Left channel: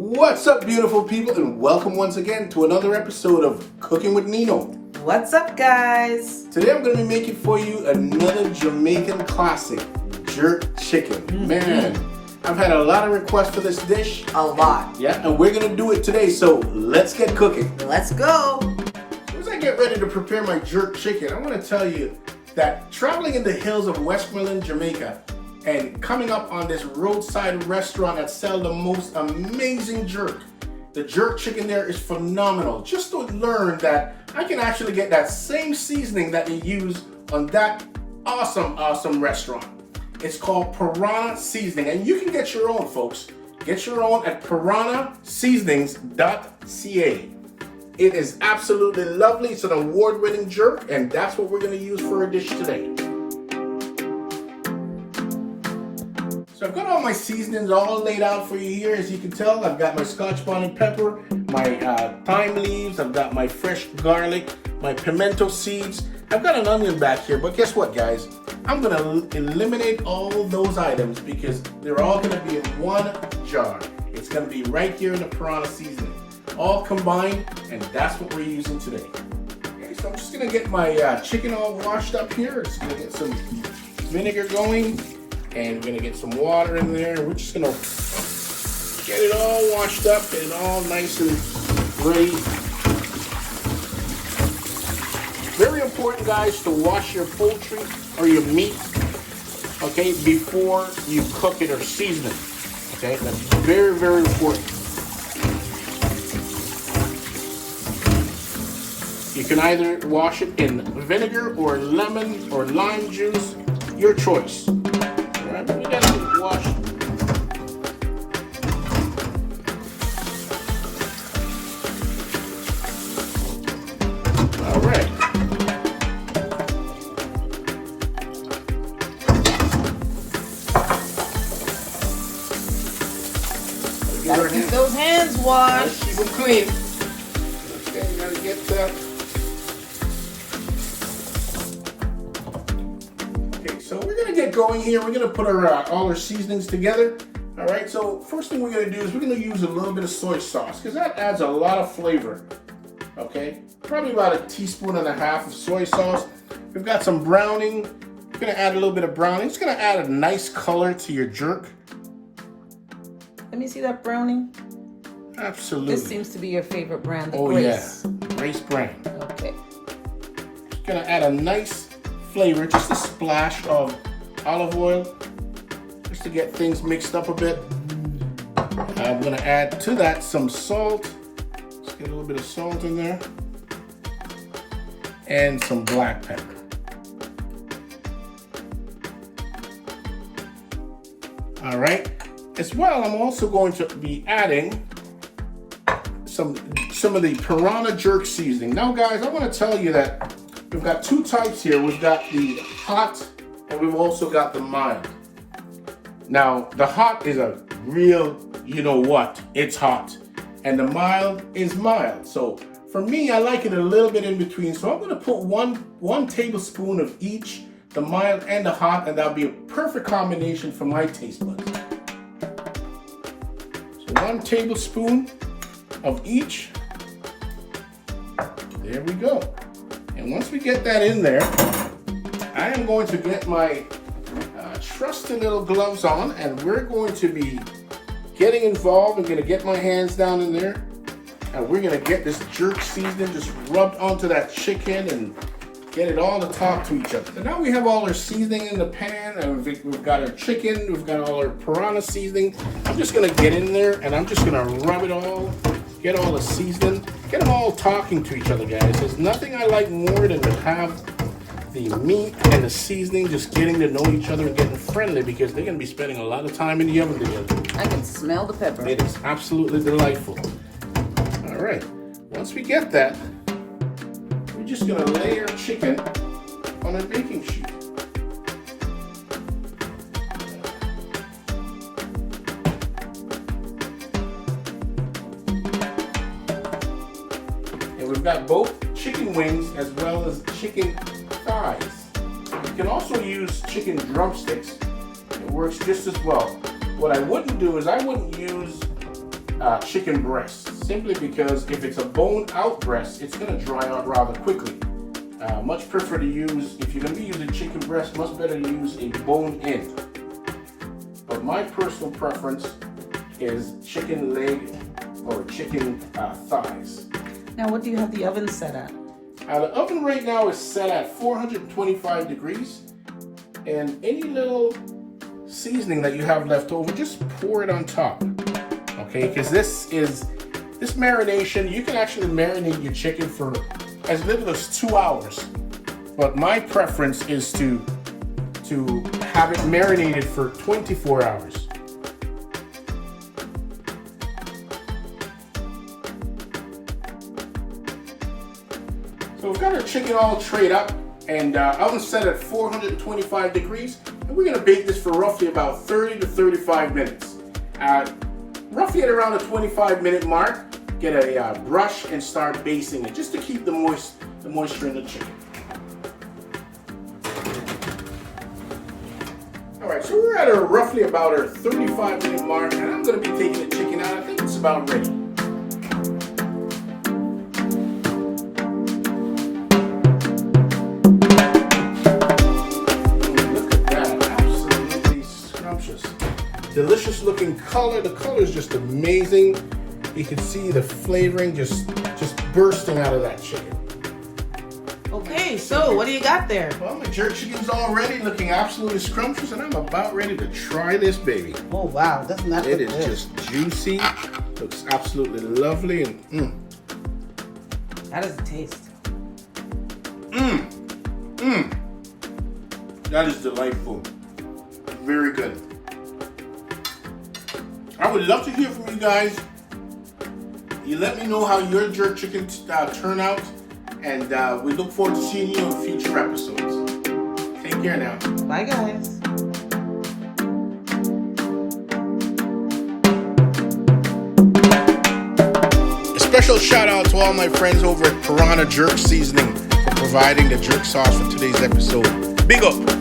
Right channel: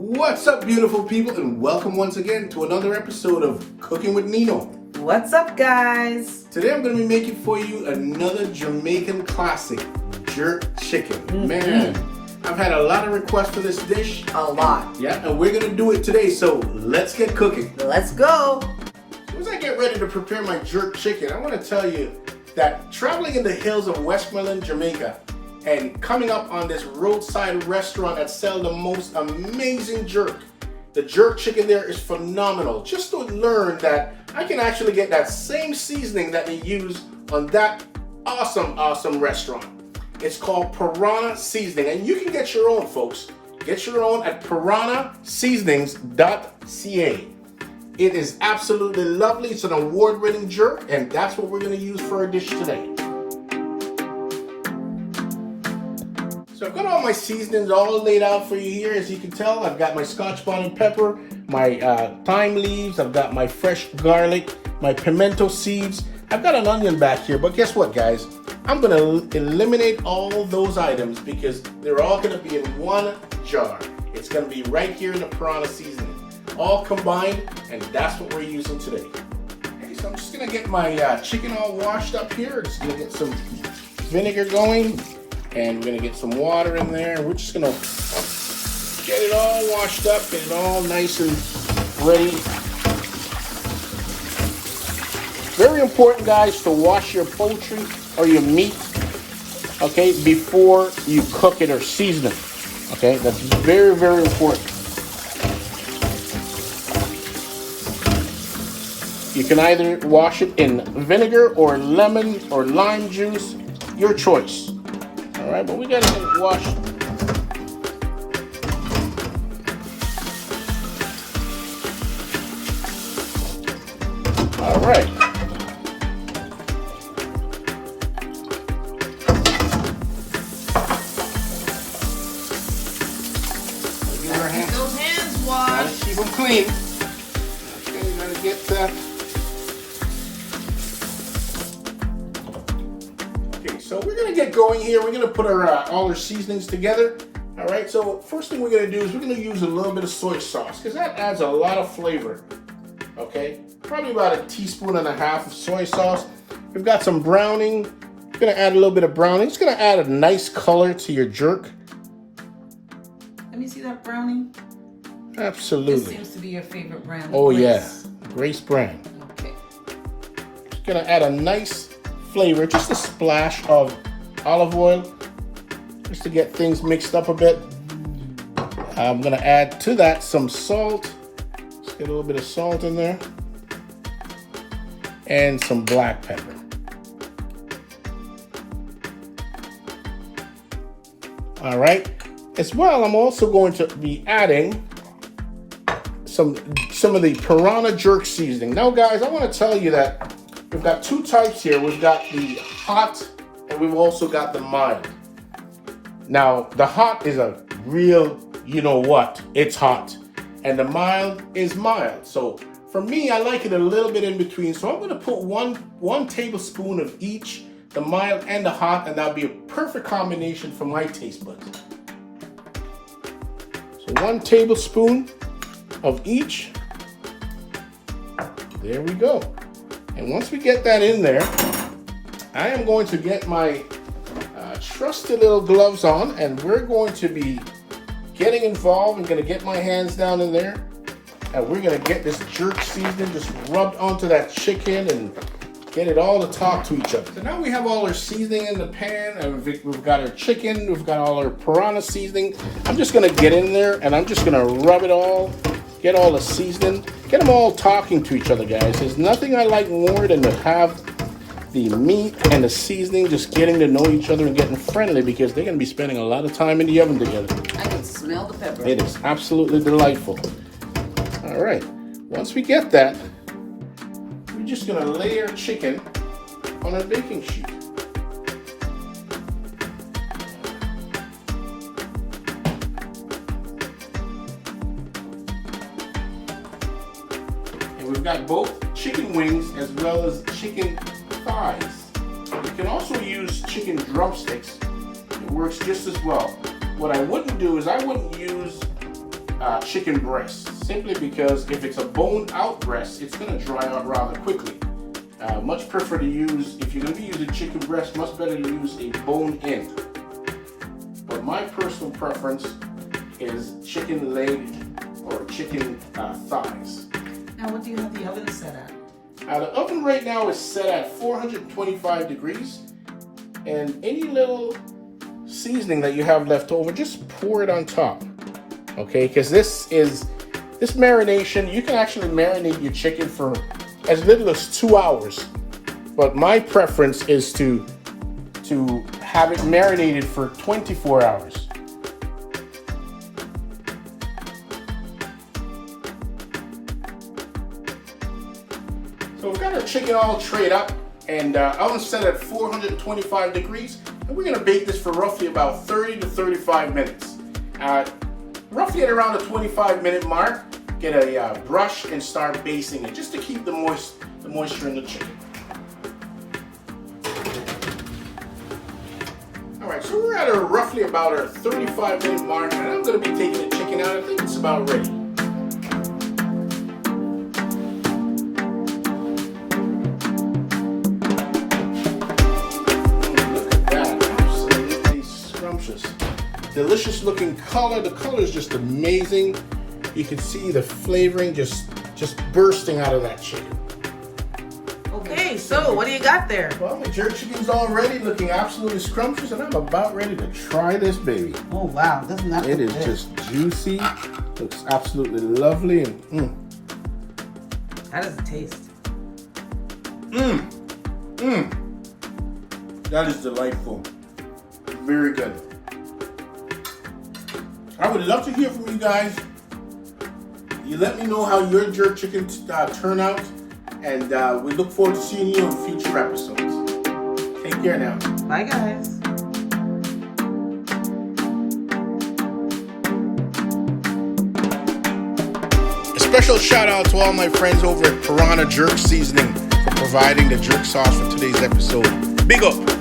What's up, beautiful people, and welcome once again to another episode of Cooking with Nino. What's up, guys? Today I'm going to be making for you another Jamaican classic, jerk chicken. Man, I've had a lot of requests for this dish. A lot. Yeah, and we're going to do it today, so let's get cooking. Let's go. As I get ready to prepare my jerk chicken, I want to tell you that traveling in the hills of Westmoreland, Jamaica, and coming up on this roadside restaurant that sells the most amazing jerk. The jerk chicken there is phenomenal. Just to learn that I can actually get that same seasoning that they use on that awesome restaurant. It's called Piranha Seasoning, and you can get your own, folks. Get your own at piranhaseasonings.ca. It is absolutely lovely. It's an award-winning jerk, and that's what we're going to use for our dish today. So I've got all my seasonings all laid out for you here. As you can tell, I've got my scotch bonnet pepper, my thyme leaves, I've got my fresh garlic, my pimento seeds. I've got an onion back here, but guess what, guys? I'm going to eliminate all those items because they're all going to be in one jar. It's going to be right here in the piranha seasoning, all combined, and that's what we're using today. Okay, so I'm just going to get my chicken all washed up here. Just going to get some vinegar going. And we're going to get some water in there. We're just going to get it all washed up, get it all nice and ready. Very important, guys, to wash your poultry or your meat, okay, before you cook it or season it. Okay, that's very, very important. You can either wash it in vinegar or lemon or lime juice, your choice. All right, but we got to wash. All right. Gotta keep those hands washed. Keep them clean. Okay, gotta get that. So we're gonna get going here. We're gonna put our all our seasonings together. All right. So first thing we're gonna do is we're gonna use a little bit of soy sauce because that adds a lot of flavor. Okay. Probably about 1.5 teaspoons of soy sauce. We've got some browning. We're gonna add a little bit of browning. It's gonna add a nice color to your jerk. Let me see that browning. Absolutely. This seems to be your favorite brand. Oh Grace. yeah, Grace brand. Okay. It's gonna add a nice flavor, just a splash of olive oil, just to get things mixed up a bit. I'm gonna add to that some salt. Let's get a little bit of salt in there. And some black pepper. All right. As well, I'm also going to be adding some of the piranha jerk seasoning. Now, guys, I want to tell you that we've got two types here. We've got the hot and we've also got the mild. Now, the hot is a real, you know what, it's hot. And the mild is mild. So for me, I like it a little bit in between. So I'm going to put one tablespoon of each, the mild and the hot, and that'll be a perfect combination for my taste buds. So 1 tablespoon of each. There we go. And once we get that in there, I am going to get my trusty little gloves on, and we're going to be getting involved. I'm going to get my hands down in there, and we're going to get this jerk seasoning just rubbed onto that chicken and get it all to talk to each other. So now we have all our seasoning in the pan, and we've got our chicken, we've got all our piranha seasoning. I'm just going to get in there, and I'm just going to rub it all, get all the seasoning, get them all talking to each other, guys. There's nothing I like more than to have the meat and the seasoning just getting to know each other and getting friendly, because they're going to be spending a lot of time in the oven together. I can smell the pepper. It is absolutely delightful. All right, once we get that, we're just going to lay our chicken on a baking sheet. And we've got both chicken wings as well as chicken thighs. You can also use chicken drumsticks. It works just as well. What I wouldn't do is I wouldn't use chicken breast, simply because if it's a boned out breast, it's going to dry out rather quickly. Much prefer to use, if you're going to be using chicken breast, much better to use a bone in. But my personal preference is chicken leg or chicken thighs. Now, what do you have the oven set at? The oven right now is set at 425 degrees, and any little seasoning that you have left over, just pour it on top. Okay, because this marination, you can actually marinate your chicken for as little as 2 hours. But my preference is to have it marinated for 24 hours. So we've got our chicken all trayed up, and oven set at 425 degrees, and we're gonna bake this for roughly about 30 to 35 minutes. Roughly at around the 25-minute mark, get a brush and start basting it, just to keep the moisture in the chicken. All right, so we're at roughly about our 35-minute mark, and I'm gonna be taking the chicken out. I think it's about ready. Delicious looking color. The color is just amazing. You can see the flavoring just bursting out of that chicken. Okay, so what do you got there? Well, my jerk chicken's all ready, looking absolutely scrumptious, and I'm about ready to try this baby. Oh wow, doesn't that look good? It is just juicy. Looks absolutely lovely, and How does it taste? That is delightful. Very good. I would love to hear from you guys. You let me know how your jerk chicken turn out, and we look forward to seeing you on future episodes. Take care now. Bye, guys. A special shout out to all my friends over at Piranha Jerk Seasoning for providing the jerk sauce for today's episode. Big up.